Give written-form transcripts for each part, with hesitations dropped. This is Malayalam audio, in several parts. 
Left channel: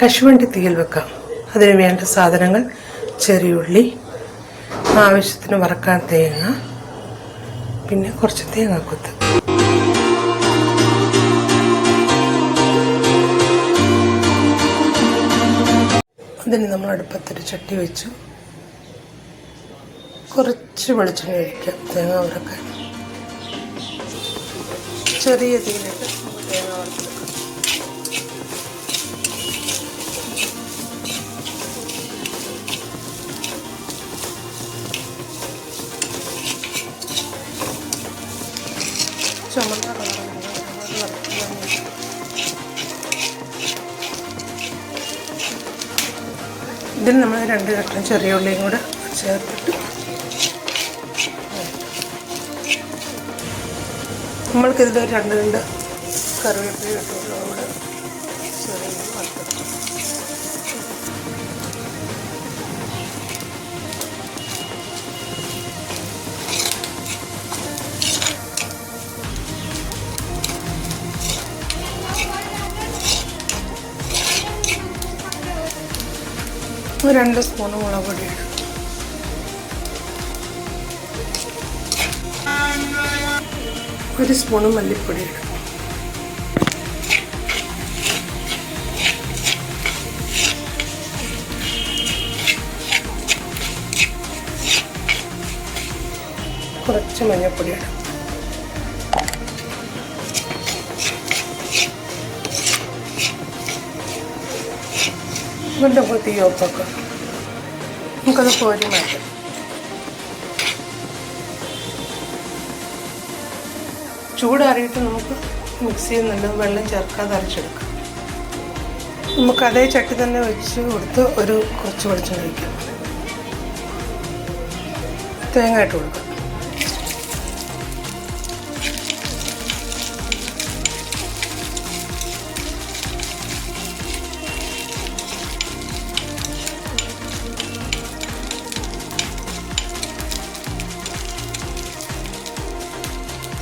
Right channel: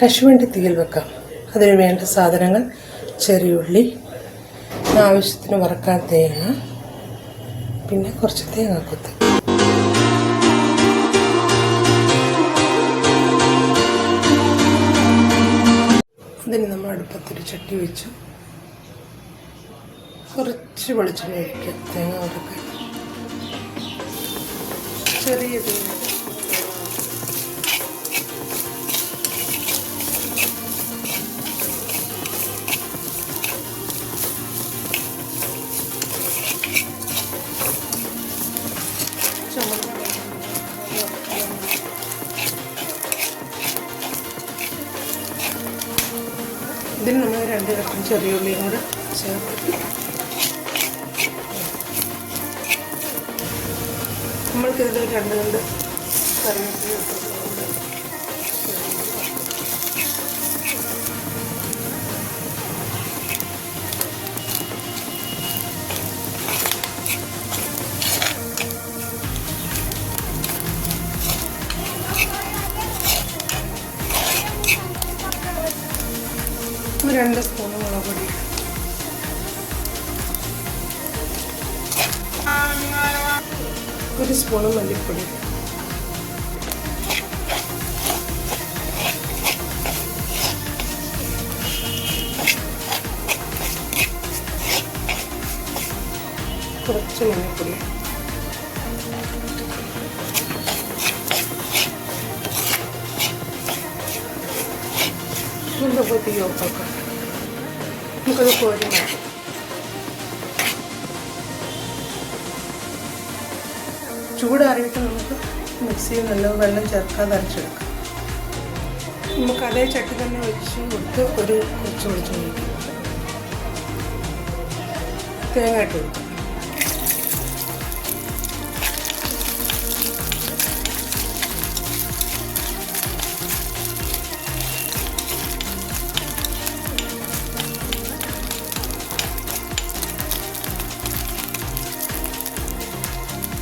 കശുവണ്ടി തീയിൽ വെക്കാം. അതിന് വേണ്ട സാധനങ്ങൾ: ചെറിയുള്ളി, ആവശ്യത്തിന് വറക്കാൻ തേങ്ങ, പിന്നെ കുറച്ച് തേങ്ങാക്കൊത്ത്. അതിന് നമ്മൾ അടുപ്പത്തൊരു ചട്ടി വെച്ചു. കുറച്ച് വെളിച്ചെണ്ണ ഒഴിക്കുക തേങ്ങ വറക്കാൻ. ചെറിയ തീയിലിട്ട് തേങ്ങ വറുത്തെടുക്കാം. ചുമന്ന ഇതിന് നമ്മൾ 2 കഷ്ണം ചെറിയ ഉള്ളിയും കൂടെ ചേർത്തിട്ട് നമ്മൾക്കിതിൽ 2 കറിവേപ്പില ഇട്ടുകൂടെ ചെറിയ വറുത്തെടുക്കാം. ഒരു 2 സ്പൂൺ മുളക് പൊടി ഇടും. ഒരു സ്പൂണ് മല്ലിപ്പൊടി ഇടും. കുറച്ച് മഞ്ഞൾപ്പൊടി ഇടും. വീണ്ടും തീ ഓഫാക്കാം. നമുക്കത് കോരി മാറ്റാം. ചൂടാറിയിട്ട് നമുക്ക് മിക്സിയിൽ നല്ല വെള്ളം ചേർക്കാതെ അരച്ചെടുക്കാം. നമുക്ക് അതേ ചട്ടി തന്നെ വെച്ച് കൊടുത്ത് കുറച്ച് വെളിച്ചെണ്ണ ഒഴിക്കാം. തേങ്ങ ഇട്ട് കൊടുക്കാം.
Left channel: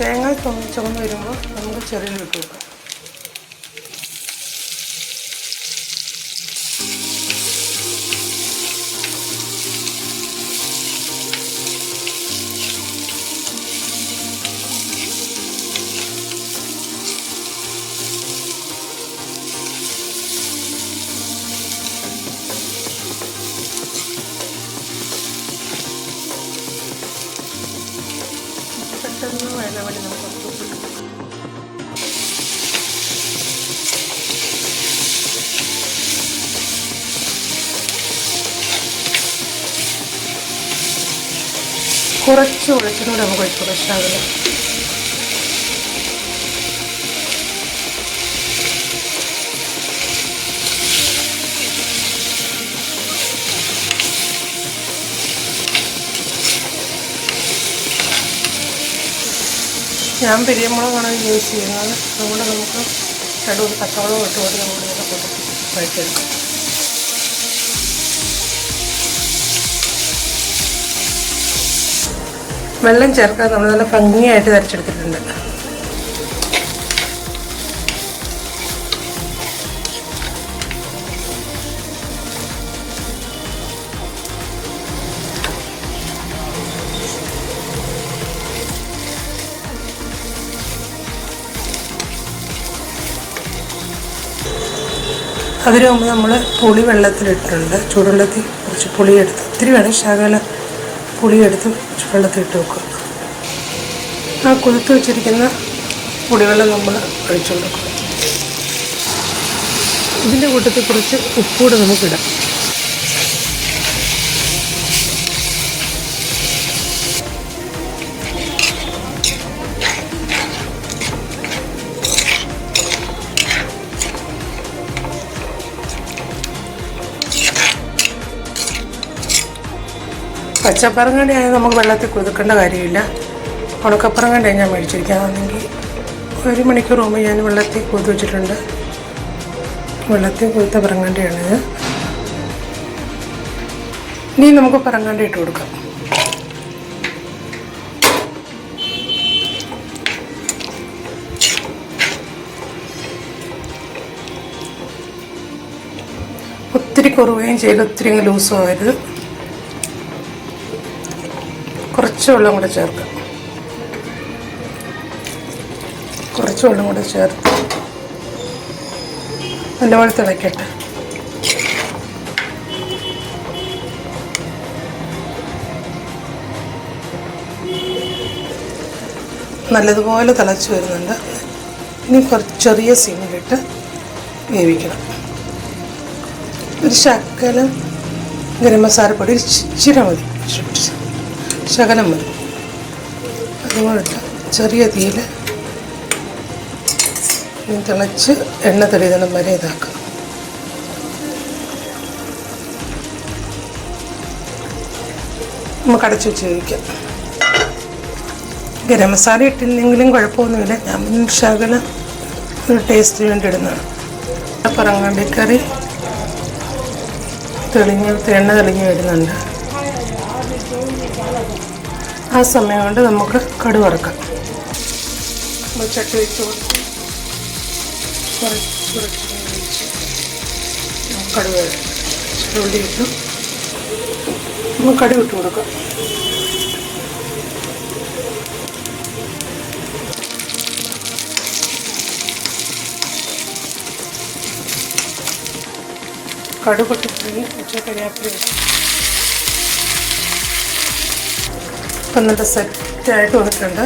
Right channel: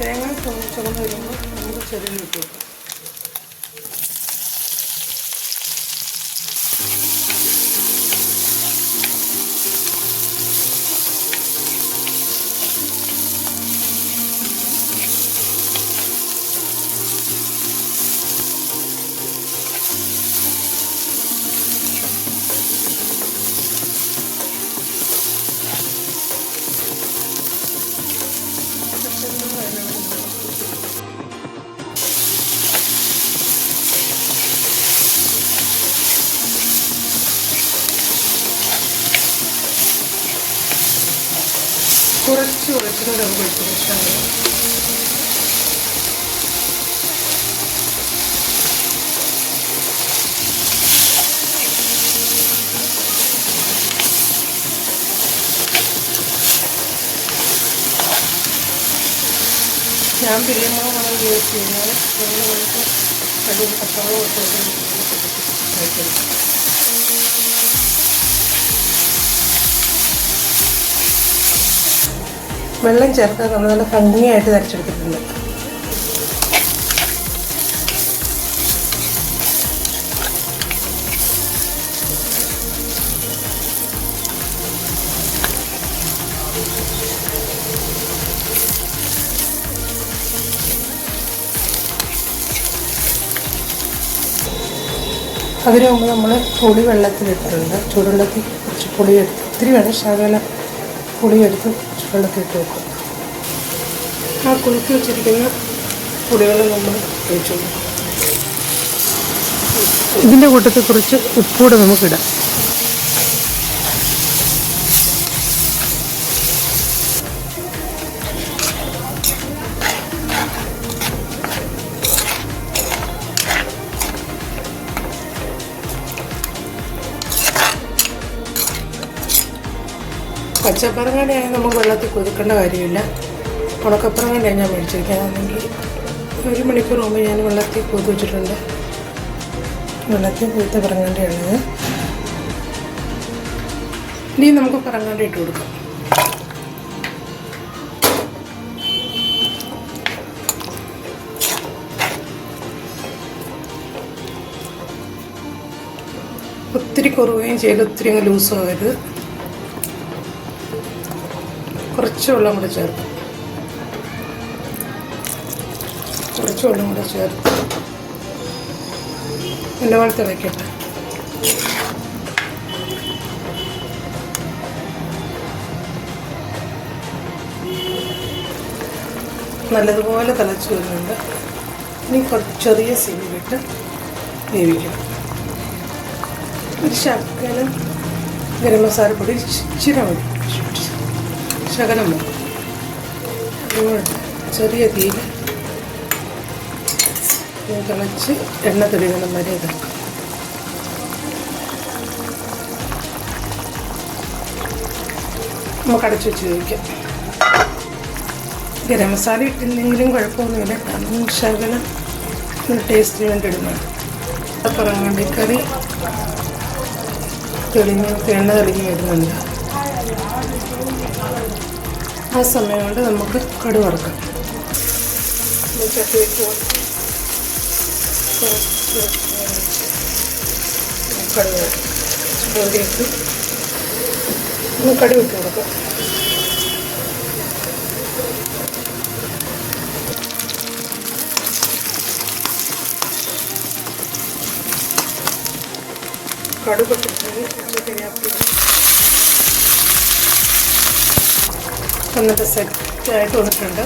തേങ്ങ ചുമന്ന് വരുമ്പോൾ നമുക്ക് ചെറിയ ഇട്ട് കൊടുക്കാം. വരാൻ വേണ്ടി നമുക്ക് കുറച്ച് വെളിച്ചെണ്ണ നമുക്ക് ഒഴിച്ച് കൊടുക്കാവില്ല. ഞാൻ പിരിയമുളകാണ് യൂസ് ചെയ്യുന്നത്. അതുകൊണ്ട് നമുക്ക് കടുക് തക്കാളി ഇട്ട് കൊണ്ട് നമുക്ക് കഴിച്ചെടുക്കാം. വെള്ളം ചേർക്കാൻ നമ്മൾ നല്ല ഭംഗിയായിട്ട് തരച്ചെടുത്തിട്ടുണ്ട്. അതിന് മുമ്പ് നമ്മൾ പുളി വെള്ളത്തിലിട്ടിട്ടുണ്ട്. ചൂടുവെള്ളത്തിൽ കുറച്ച് പുളിയെടുത്ത്, ഒത്തിരി വേണം, ശകലം പുളിയെടുത്ത് വെള്ളത്തിലിട്ട് വെക്കുക. ആ കുലുക്കി വെച്ചിരിക്കുന്ന പുളിവെള്ളം നമ്മൾ ഒഴിച്ചു കൊടുക്കും. ഇതിൻ്റെ കൂട്ടത്തിൽ കുറച്ച് ഉപ്പൂടെ നമുക്കിടാം. പച്ചപ്പറങ്ങാണ്ടിയാണെങ്കിൽ നമുക്ക് വെള്ളത്തിൽ കുതിക്കേണ്ട കാര്യമില്ല. ഉണക്കപ്പറങ്ങാണ്ടി ഞാൻ മേടിച്ചിരിക്കുകയാണെങ്കിൽ 1 മണിക്കൂർ മുമ്പ് ഞാൻ വെള്ളത്തിൽ കുതിർത്ത് വെച്ചിട്ടുണ്ട്. വെള്ളത്തിൽ കുതിർത്ത പറങ്ങാണ്ടിയാണിത്. ഇനി നമുക്ക് പറങ്ങാണ്ടി ഇട്ട് കൊടുക്കാം. ഒത്തിരി കുറുകയും ചെയ്ത് ഒത്തിരി അങ്ങ് ലൂസും ആവരുത്. കുറച്ച് വെള്ളം കൂടെ ചേർക്കാം. കുറച്ച് വെള്ളം കൂടെ ചേർത്ത് നല്ലപോലെ തിളയ്ക്കട്ടെ. നല്ലതുപോലെ തിളച്ച് വരുന്നുണ്ട്. ഇനി കുറച്ച് ചെറിയ സിമ്മിലിട്ട് വേവിക്കണം. ഒരു ശകലം ഗരം മസാലപ്പൊടി ഇച്ചിരി മതി, ശകലം മതി. അതുകൊണ്ട് ചെറിയ തീയിൽ തിളച്ച് എണ്ണ തെളിതണം വരെ ഇതാക്കാം. നമുക്ക് അടച്ചു വെച്ച് വേവിക്കാം. ഗരം മസാല ഇട്ടില്ലെങ്കിലും കുഴപ്പമൊന്നുമില്ല. ഞാൻ ശകലം ഒരു ടേസ്റ്റിന് വേണ്ടി ഇടുന്നതാണ്. പറങ്ങാണ്ടിക്കറി എണ്ണ തെളിഞ്ഞ് വരുന്നുണ്ട്. ആ സമയം കൊണ്ട് നമുക്ക് കടുക് വറുക്കാം. ചട്ടി വെച്ച് കടുക് ഇട്ട് കടുക് ഇട്ട് കൊടുക്കാം. കടുക് പൊട്ടിച്ച് കരിയാപ്പില എന്നിട്ട് സെറ്റായിട്ട് വന്നിട്ടുണ്ട്.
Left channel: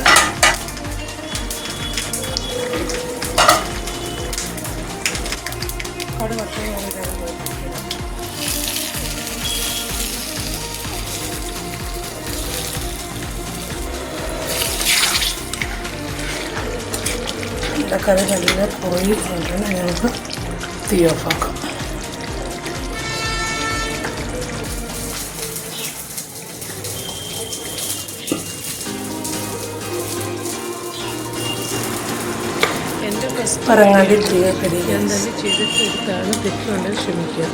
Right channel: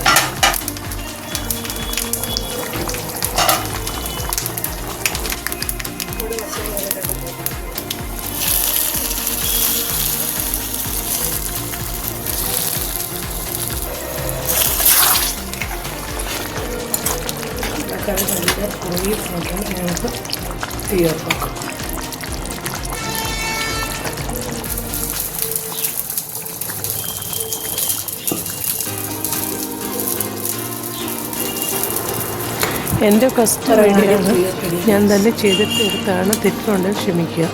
കറി നല്ല കുറുകി വന്നിട്ട് ഞങ്ങൾക്ക് തീ ഓഫാക്കാം. എൻ്റെ കസ്റ്റമർ ഞാൻ തന്നെ ചെയ്തിട്ടാണ്, തെറ്റുണ്ട് ക്ഷമിക്കുക.